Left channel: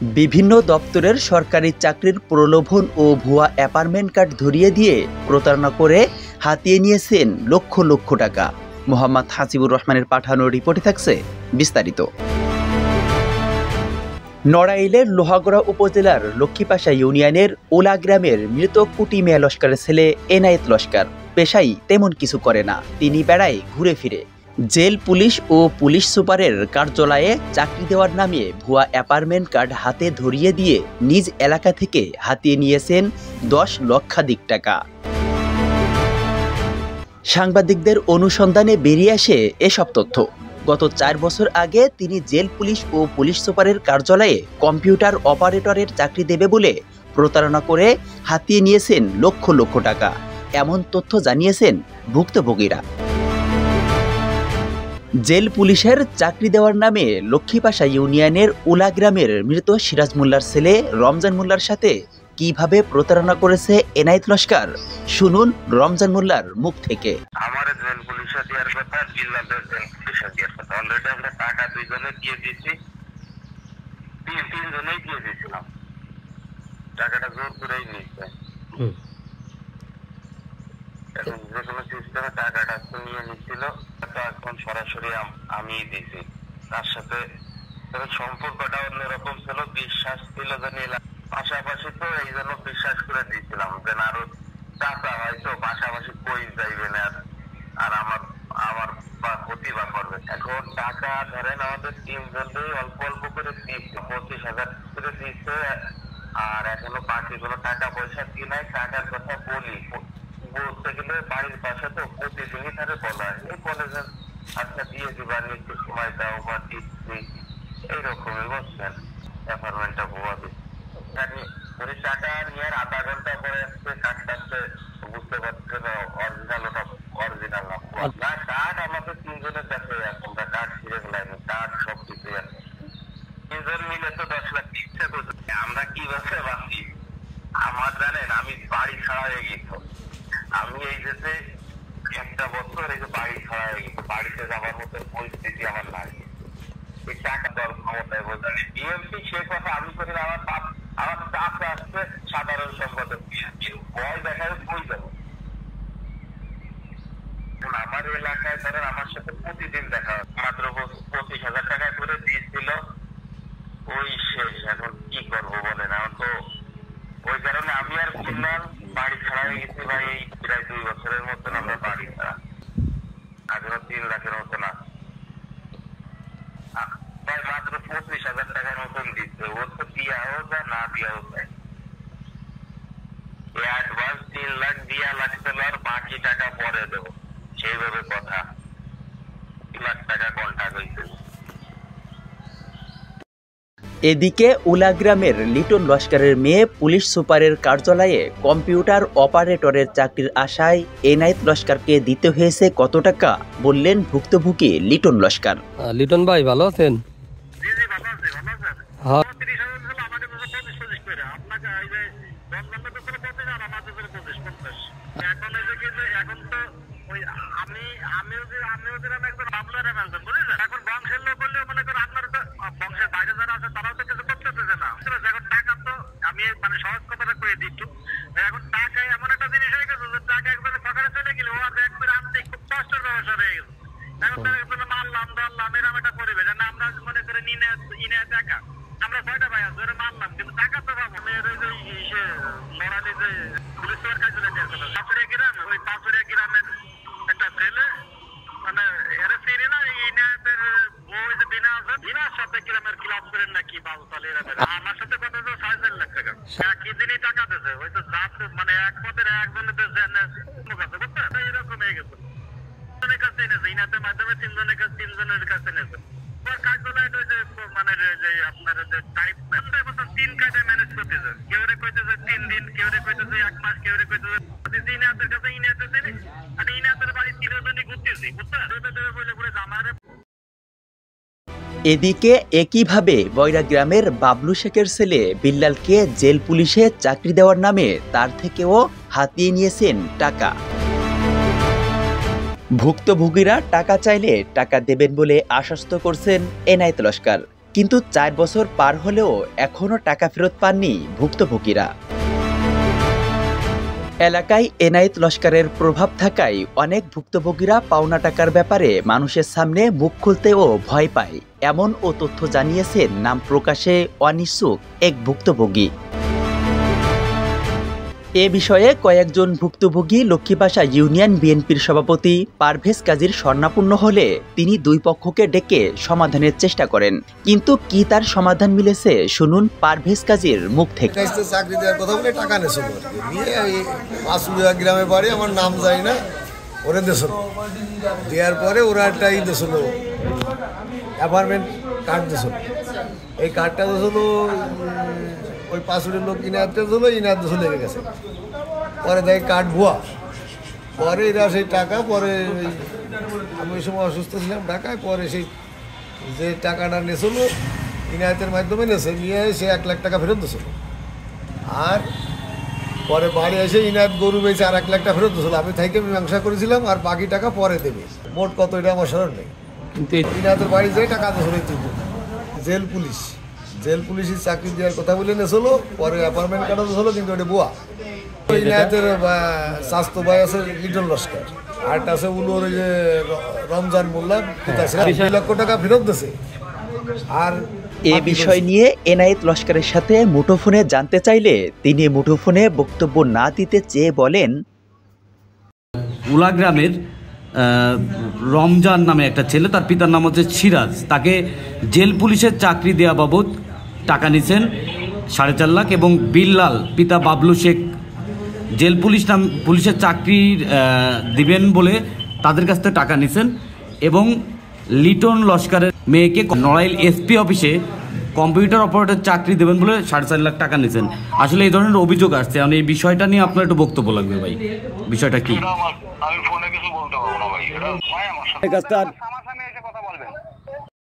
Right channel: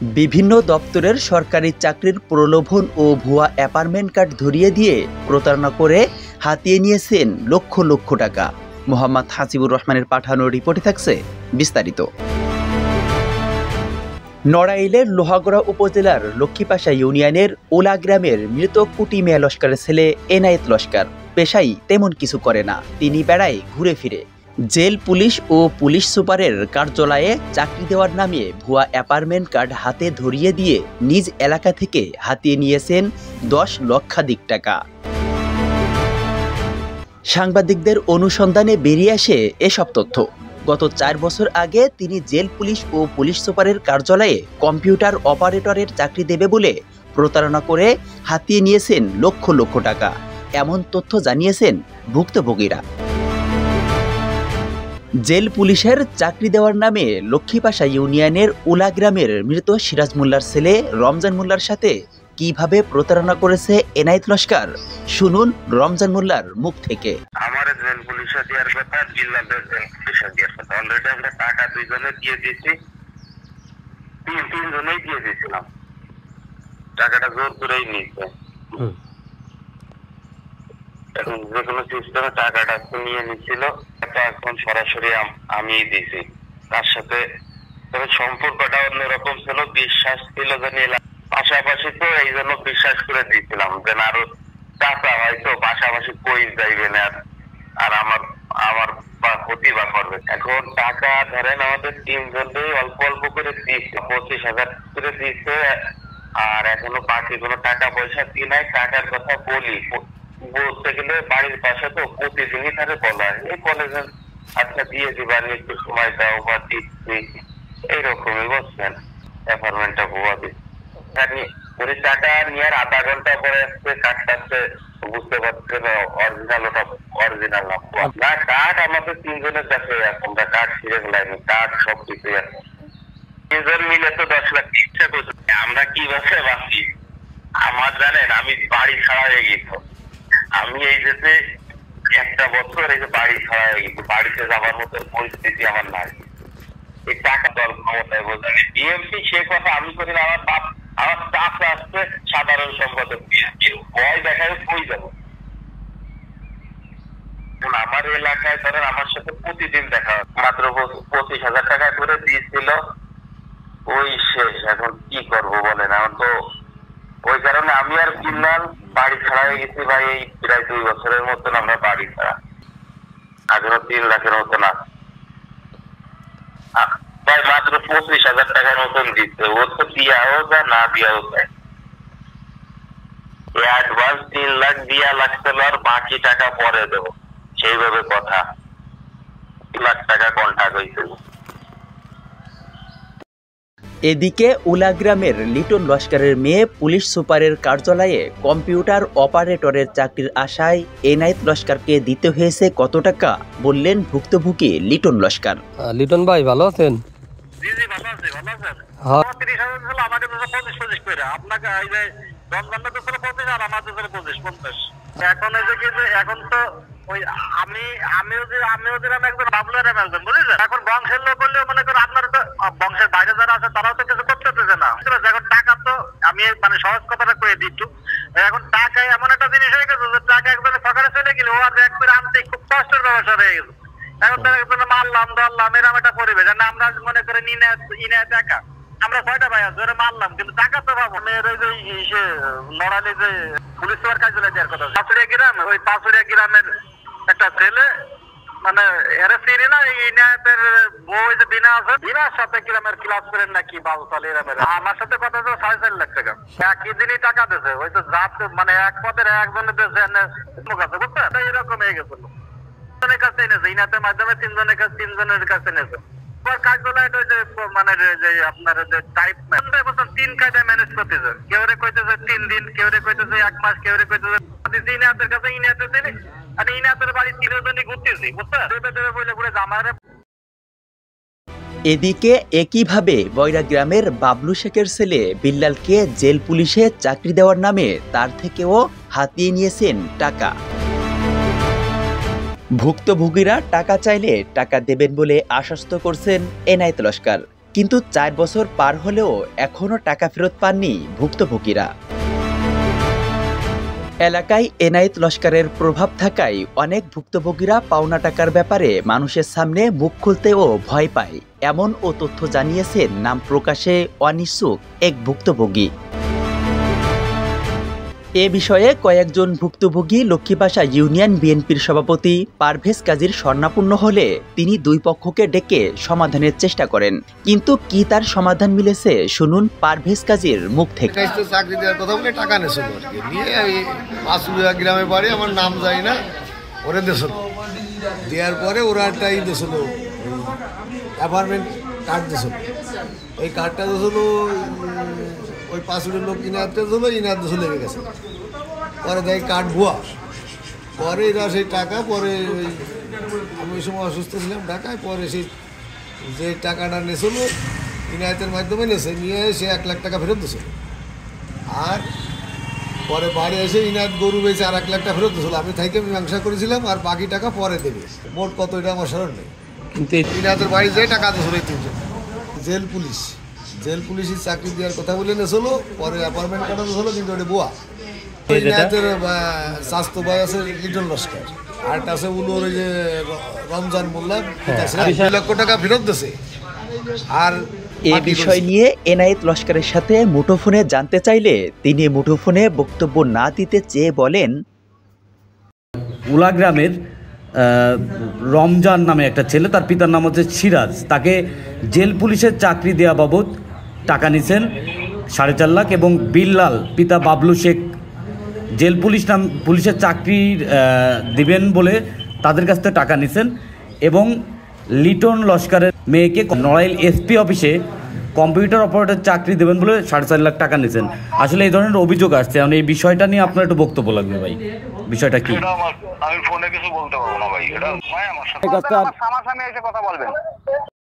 বিভিন্ন দপ্তরের সরকারি চাকরির প্রলোভন ও ভুয়া অ্যাপার্টমেন্ট কার্ড ধরিয়ে দিয়ে প্রতারণা করে হাতিয়ে নিয়েছেন লক্ষ লক্ষ টাকা। মোহাম্মদ হাসিবুর রহমানের পাঠানো রিপোর্টে থাকছে বিস্তারিত। নড়াইলের লোহাগড়া উপজেলার লক্ষ্মীপাশা ইউনিয়নের ওলা গ্রামের মৃত কুটি মিয়া লস্করের ছেলে এনায়েত লস্কর পেশাই তেমন কিছু করে না, তিনি বেড়ায় ঘুরে ফিরে। জেল পুলিশ ও পুলিশ সুপারের কার্যালয়ে চাকরি দেওয়ার নামে ভুয়া অ্যাপার্টমেন্ট কার্ড হাতে ধরিয়ে দিয়ে নিজ এলাকা থেকে হাতিয়ে নিয়েছেন 10 লক্ষাধিক টাকা। সাংবাদিকদের অনুসন্ধানে বেরিয়ে আসে এসব তথ্য। গত 4 বছর আগে তিনি জেল পুলিশ ও পুলিশ সুপারের কার্যালয়ে কম্পিউটার অপারেটরের চাকরি দেবে বলে প্রতারণা করে হাতিয়ে নিয়েছেন লক্ষ লক্ষ টাকা, এমন তথ্য জানিয়েছেন ভুক্তভোগীরা। জেল পুলিশের চাকরি দেওয়ার নামে লক্ষ্মীপাশা ইউনিয়নের উলা গ্রামের মৃত সিরাজ মোল্লার ছেলে রমজান মোল্লার সাথে কিভাবে প্রতারণা করেছে এনায়েত লস্কর, শুনুন রমজান মোল্লার মুখ থেকে। আমার জেল পুলিশে দেওয়ার কথা, জিল্লাদের জেল পুলিশে দেওয়ার কথা। অলরেডি আমরা টাকা 2 জনে দিয়ে দিয়েছি, 3 জনেই দিয়ে দিয়েছিলাম। টাকাটা জোর করেই নিয়েছে। এখন যে কোনো সিস্টেমে টাকাটা নিয়ে নিচ্ছিল, এখন সরাসরি আমি দিয়েছি। তার সাথে সম্পর্কটা অন্যরকম ছিল, বিশ্বাস ছিল যে নিলাম। পাশাপাশি তো এই জন্য বিশ্বাস করে দিয়েছিলাম যে আরো টাকা হয়তো পাশাপাশি কই যাইবে না আর আমার ক্ষতি বা করবে। এখন টাকা ধরেন আমাদের 3 জনেই অল্প অল্প করে দিচ্ছে, 25,000 করে দিচ্ছে। আর এখনো বাকি কোনো টাকা পয়সা দিয়ে নাই। টাকার কথা বলতে গেলে বাড়ির পাশে তো প্রতিদিনই তাকে বলা হয়, এই কলেজের আচ্ছা দিয়ে দিবা, একটু সময় দাও বা দিচ্ছি, এইরকমই বলছেন। অ্যাপার্টমেন্টটা ভুয়া দিচ্ছে। টাকা নেওয়ার আধা ঘন্টা পরে আসছে কার্ডটাতে, বুঝতে পারছেন অরিজিনাল, ওটা অরিজিনাল না। কার্ড আমাদের 3 জনের কাছে আছে, আমরা কার্ড ছিঁড়ে ফেলাইনি, কার্ড সব কিছুই আছে। 3 জন মিলে তো 10 লাখ ইচ্ছা করছে। আমরা কি বসে ভাবছি, আমার জানেন আমি বাড়ি ছাড়া হয়ে গেছি। আমি এই যে 1টা বছর এই যে বাড়ি ছাড়া হয়ে গেছি, বাড়িতে যাবার মতো পরিস্থিতি আমার নাই। এই টাকা দল ক্ষমতায় বোঝা বিএমপি, সে কথা আমি করি না। আমার চাপ আসছে সাধারণ সম্পাদক ভয় দেখায় কই যাবো। আমার এলাকায় ধরেন আমার সাথে প্রতিদিন দেখা, মাত্র 25,000 টাকা করে দিয়েছিল, ওই শেষ। এখন কি করবো বলেন, এখন তো ওই কারণে আমি আর কিনলাম, বাড়ি ছাড়া হয়ে গেছি ভাই। এই প্রায় 2 বছরের মতন আমরা বাড়ি ছাড়া, এখনো 3 লাখের মতন আছে ভাই। মাত্র 25,000 টাকার মতন দিচ্ছে, ও তো দিয়াও যায় না দিয়াও যায়। অ্যাডভান্স 3 লাখ দিয়া লাগছে, আর বাকি টাকা পরে দেবো, সেইভাবে কথা। 2 লাখ টাকা কন্ট্যাক্ট হয়েছিল। এদিকে উলা গ্রামের লিটন লস্করের মেয়ে পুলিশ সুপারের কার্যালয়ে কম্পিউটার অপারেটরের চাকরির আশায় এনায়েত লস্করকে দিতে হয়েছে কত টাকা, বললেন ভুক্তভোগী লিটন লস্কর। লিটন ভাই ভালো আছেন? এখন তো ওই আমিও দিলাম একজন, বাবুলের একজন, বুঝলেন। এখন বংশের লোক হলেও মনে করেন আপনার তো বংশের বাইরে যারা আছে তারাও তো কিছু করতে পেরেছে না। এখন টাকা তো আমি মানে সহজ কথাটা কয়ে দিচ্ছি, এখন টাকা এমন একটা জিনিস হয়ে গেছে যে টাকা একজনে সকালে চলে গেলে ও আর এক করে আনতে খুব কষ্টের ব্যবসা হয়ে গেছে। এখন তার একজনে মারলাম ধরলাম এরকম একটা পরিবেশ। আমরা মনে করে ইনে টাকা আমরা 6টা ভাই ধরে মারলাম, কিন্তু টাকা তো পাবো। নড়ালে যে পুলিশ সুপার কার্যালয় দেওয়ার কথা, পাঁচুড়িয়া গ্রাম, ওই পাঁচুড়িয়া গ্রামের একটা ছেলে মানে এরা চিনি না, ইনায়েতের বউ যে বিনা আছে, বিনার সাথে গ্রামের ক্লাস করেন নাকি বাবু চলে এরামের। আমার সাথে কথা হচ্ছে 4.5 লাখ টাকা একই দিনই টাকা দিয়েছে। ওই তো জাত মানে এক পদের একজনের দিয়েছে বুঝছেন, এরকম হয়ে গেছিল। কাছে এনেছে ইনাতের মাধ্যমে 3 জনের কাছে এনেছে। মানে যে আপনার যে টাইপ 3 কায়দায় ম্যানেজ করতেছে, কেউ রে কইতেছে 3 দিন, কেউ রে কইতেছে 1 মাস, কেউ রে কইতেছে ইনাতের কাছে ইনাতে দিলি আর ইনাতের বাড়ি 3 জনই ঘুরতেছি, বুঝছেন। বলে বলে জামারে। এদিকে একইভাবে বয়রা গ্রামের বাবলু শেখের ছেলে বিল্লালকে জেল পুলিশে চাকরি দেওয়ার নামে তার থেকেও হাতিয়ে নিয়েছেন টাকা। ভুক্তভোগীরা টাকা চাইলে টাকা দেবেন বলে আশ্বস্ত করছেন এনায়েত লস্কর, কিন্তু 4 বছর পার হলেও এখনও টাকা ফেরত পাননি ভুক্তভোগীরা। এলাকায় এনায়েত লস্করের প্রভাব থাকায় অনেক ভুক্তভোগীরা পাওনা টাকার ব্যাপারে মানুষের সামনে মুখ খুলতেও ভয় পায়, এমন ও তথ্য জানিয়েছেন নাম প্রকাশে অনিচ্ছুক এক ভুক্তভোগী। এ বিষয়ে কয়েকজন ভুক্তভোগী লক্ষ্মীপাশা ইউনিয়ন বিএনপির সভাপতি পারভেজ কাজীর স্বর্ণাপন্ন হলে তিনি দুই পক্ষকে ডেকে সমাধানের চেষ্টা করেন, কিন্তু কি তার সমাধান মিলেছে শুনুন পারভেজ কাজীর মুখ থেকে। চাকরি দেওয়ার কথা বলে টাকা নেছিল নিয়ে পাঁচুলিয়া গ্রামে বাড়ি, আমার নাম যাই না, ওরে দিয়েছিল। দেওয়ার পরে ওরা একটা দিয়েছিল, অ্যাপার্টমেন্ট কার্ড দিয়েছিল। এই কার্ডটা দিয়েছিল ওই পাঁচুলির লোক ইনার দিয়েছিল, ইনার দিয়েছিল লেগে গেছে। পরে দেয় কার্ড ভুয়া। পরে এরা সেই টাকা পরে আমি ওই সময় অসুস্থ ছিলাম ঢাকায়, পরে সেই যে টাকাটা নিয়েছিল ইনায়তের মাধ্যমে নিয়েছে, নিয়ে সে 1 লাখ টাকা ফেরত দিয়েছিল। আর পরে বাড়ি এসে ইনায়ত গরু বেঁচে আর 1 লাখ টাকা ফেরত দিয়েছিল। আমি থেকে মীমাংসা করেছিলাম, আর বাকি টাকা পরে দেবে। মোট কত এটা আমার স্মরণ নেই, কিন্তু ইনায়তের বাড়ি যেয়ে টাকা দিয়েছিল এই 3 জন। জেল পুলিশের চাকরি দেওয়ার কথা বলে নিয়েছিল, পরে অ্যাপার্টমেন্ট কাটা দিয়েছিল, কিন্তু ওটা বুয়া। ইনায়তের স্বাস্থ্য ভাই আছে লিটন লস্কর, আর আছে উলোর ওই যে রমজান মোল্লা, 2 লক্ষ টাকা ফেরত দিয়েছে। আর এ বিষয় নিয়ে এনায়েত লস্করের সাথে মুঠোফোনে জানতে চাইলে তিনি মুঠোফোনে বক্তব্য না দিতে চেয়ে বলেন, উলা গ্রামের রমজান নামে একটা ছেলে, তার পিতার নাম হচ্ছে সিরাজ, তাকে জেল পুলিশের চাকরি দেওয়া বাবদ টাকা নিছেন 4.5 লাখ, এবং বিল্লাল পিতা বাবলু শেখ জেল পুলিশের চাকরি দিবেন বলে তাদের কাছ থেকে টাকা নিছেন, এবং লিটন লস্করের মেয়েকে নড়াইল এসপি অফিসে কম্পিউটার অপারেটর চাকরি দেবেন বলে 4.5 লাখ টাকা নিছেন। আসলে এই ধরনের অভিযোগ আসছে, এই বিষয়টা নিয়ে আপনার একটু বক্তব্য লাগবে ভাই, বিষয়টা কি? আমি ফোনে কিছু বলতে পারবো না ভাই, এটা ভাই আমার সামনে এসে কথা বলবেন।